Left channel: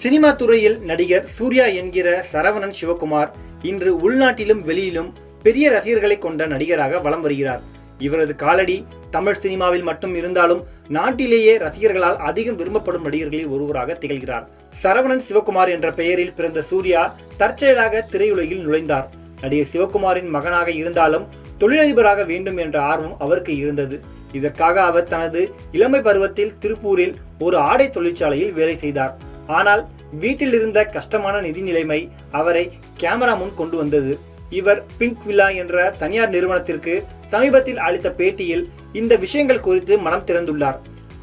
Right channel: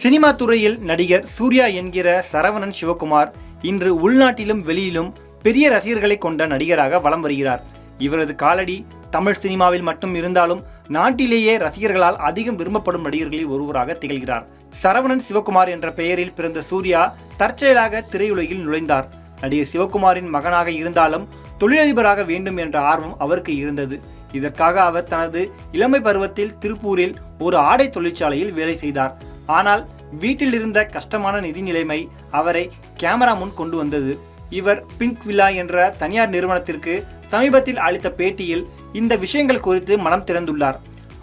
Cinema துறையில் நடிகர் சூர்யா என்கிற சரவணன் சிவகுமார் இன்று உள்நாட்டிலும் வெளியிலும் பெரிய ரசிகர்களை கொண்ட நடிகராக வலம் வருகிறார். இவரது காலடி தமிழ் சினிமாவில் மட்டும் இருந்தாலும் நாட்டிலேயே ரசிகர்களால் அதிகம் விரும்பப்படும் நடிகர்களில் ஒருவராக திகழ்கிறார். சரவணன் சிவகுமார் என்ற பெயரில் பிறந்த சூர்யா தற்செயலாக திரையுலகில் நுழைந்தார். நடிகர் சிவகுமாரின் மகனாக இருந்தாலும் தொழிலதிபராக வேண்டும் என்ற ஆர்வம் அவருக்கு இருந்தது. இதற்காக அவர் தனது இளமை பருவத்தில் திருப்பூரில் ஒரு ஆடை தொழிற்சாலையில் வேலை செய்தார். ஆனால் வீட்டில் இருந்த கஷ்டமான நிதி நிலைமை அவரை கேமரா முன் கொண்டு வந்தது. இவர் பிங்க் வில்லா என்ற தனியார் நிறுவனத்திற்கு சமீபத்தில் அளித்த பேட்டியில் இந்த விஷயங்கள் குறித்து மனம் திறந்துள்ளார்.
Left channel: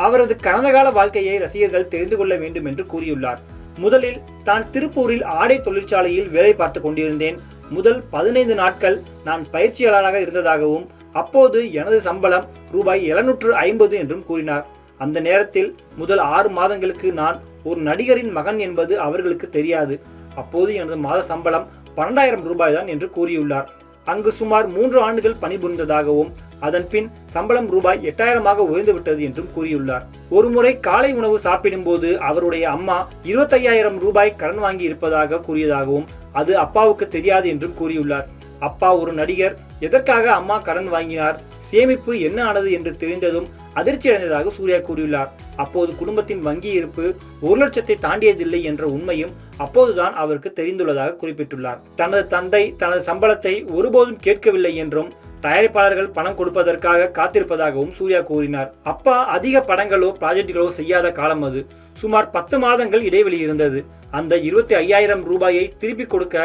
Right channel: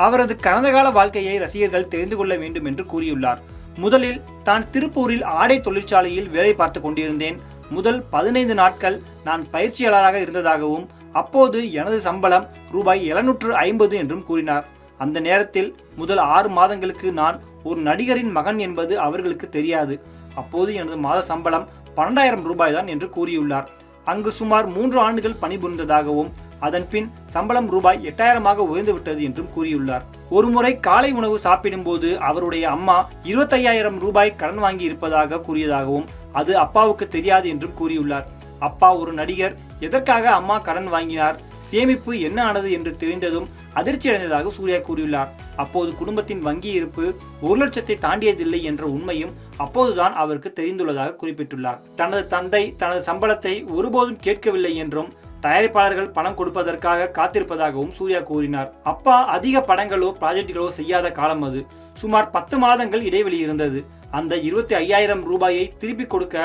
அவரது கடந்த கால வாழ்க்கையை ரசிகர்கள் தெரிந்து கொள்ள வேண்டும் என்று கூறியுள்ளார். முதலில் தான் திருப்பூரில் ஆடை தொழிற்சாலையில் வேலை பார்த்து கொண்டிருந்தேன். முதல் 15 நாட்கள் நான் பயிற்சியாளராக இருந்ததாகவும் அப்போது எனது சம்பளம் ரூபாய் 750 என்றும் கூறினார். அந்த நேரத்தில் முதல் 6 மாதங்களுக்கு நான் ஒரு நடிகரின் மகன் என்பது அவர்களுக்கு தெரியாது. அப்போது எனது மாத சம்பளம் 12,000 ரூபாய் தான் என்று கூறியுள்ளார். அங்கு சுமார் 3 ஆண்டுகள் பணிபுரிந்ததாகவும் அதன் பின் சம்பளம் ரூபாய் 8,000 உயர்ந்துவிட்டது என்றும் கூறியுள்ளார். ஒருமுறை காலை உணவு சாப்பிடும் போது அவருடைய அம்மா 25,000 ரூபாய் கடன் வாங்கி இருப்பதாக கூறியதாகவும் அது அப்பாவுக்கு தெரியாது என்றும் கூறியுள்ளார். அப்பா ஒரு நடிகர், எதற்காக அம்மா கடன் வாங்கினார், சேமிப்பு என்ன ஆனது என்று தெரிந்ததும் அதிர்ச்சி அடைந்ததாக சூர்யா கூறியுள்ளார். அப்போது குடும்பத்தின் வங்கி இருப்பு 1 லட்சத்தை தாண்டியதில்லை என்ற உண்மையும் அப்போதுதான் அவருக்கு தெரிந்துள்ளதாக குறிப்பிட்டுள்ளார். தனது தந்தை தனது சம்பளத்தை ஒருபோதும் கேட்கவில்லை என்றும் தயாரிப்பாளர்கள் பணம் கொடுப்பதற்காக காத்திருப்பதாகவும் சூர்யா கூறினார். அப்பா அதிக படங்களோ ப்ராஜெக்டுகளோ செய்யாத காலம் அது. சுமார் 10 மாதங்கள் இடைவெளி இருந்தது. அந்த 25,000 ரூபாயை திருப்பி கொடுக்க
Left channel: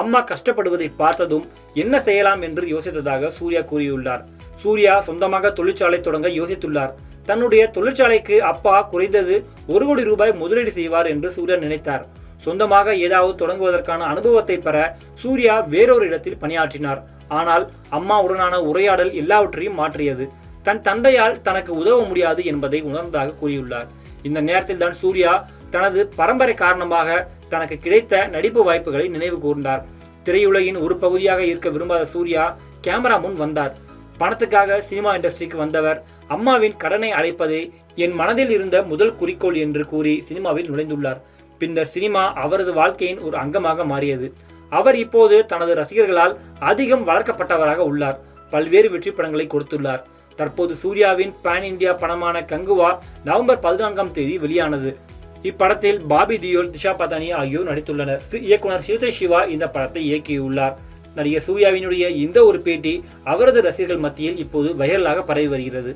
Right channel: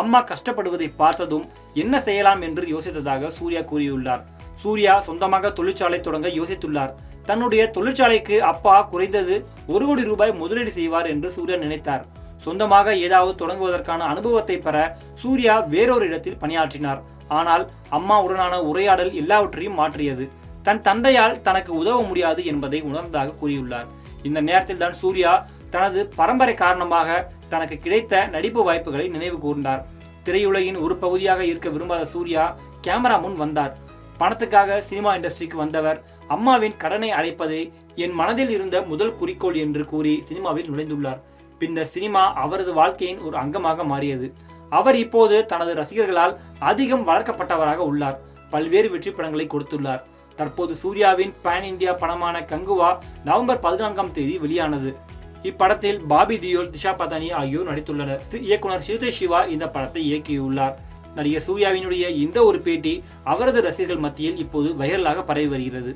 அம்மா கஷ்டப்படுவதை பார்த்ததும் என்ன செய்யலாம் என்று யோசித்ததாக சூர்யா கூறியுள்ளார். சூர்யா சொந்தமாக தொழிற்சாலை தொடங்க யோசித்துள்ளார். தன்னுடைய தொழிற்சாலைக்கு அப்பா குறைந்தது 1 கோடி ரூபாய் முதலீடு செய்வார் என்று சூர்யா நினைத்தார். சொந்தமாக ஏதாவது தொடங்குவதற்கான அனுபவத்தை பெற சூர்யா வேறொரு இடத்தில் பணியாற்றினார். ஆனால் அம்மாவுடனான உரையாடல் எல்லாவற்றையும் மாற்றியது. தன் தந்தையால் தனக்கு உதவ முடியாது என்பதை உணர்ந்ததாக கூறியுள்ளார். இந்த நேரத்தில் தான் சூர்யா தனது பரம்பரை காரணமாக தனக்கு கிடைத்த நடிப்பு வாய்ப்புகளை நினைவு கூர்ந்தார். திரையுலகின் ஒரு பகுதியாக இருக்க விரும்பாத சூர்யா கேமரா முன் வந்தார். பணத்துக்காக சினிமா இண்டஸ்ட்ரிக்கு வந்தவர் அம்மாவின் கடனை அடைப்பதே என் மனதில் இருந்த முதல் குறிக்கோள் என்று கூறி சினிமாவில் நுழைந்துள்ளார். பின்னர் சினிமா அவரது வாழ்க்கையின் ஒரு அங்கமாக மாறியது. அவர் இப்போது தனது ரசிகர்களால் அதிகம் வளர்க்கப்பட்டவராக உள்ளார். பல்வேறு வெற்றி படங்களை கொடுத்துள்ளார். தற்போது சூர்யாவின் பேன் இந்தியா படமான கங்குவா நவம்பர் 14ஆம் தேதி வெளியானது. இப்படத்தில் பாபி தியோல், திஷா பதானி ஆகியோர் நடித்துள்ளனர். இயக்குனர் ஸ்ரீதேஷ் சிவா இந்த படத்தை இயக்கியுள்ளார். நடிகர் சூர்யாவினுடைய இந்த ஒரு பேட்டி அவரது ரசிகர்கள் மத்தியில் இப்போது வைரலாக பரவி வருகிறது.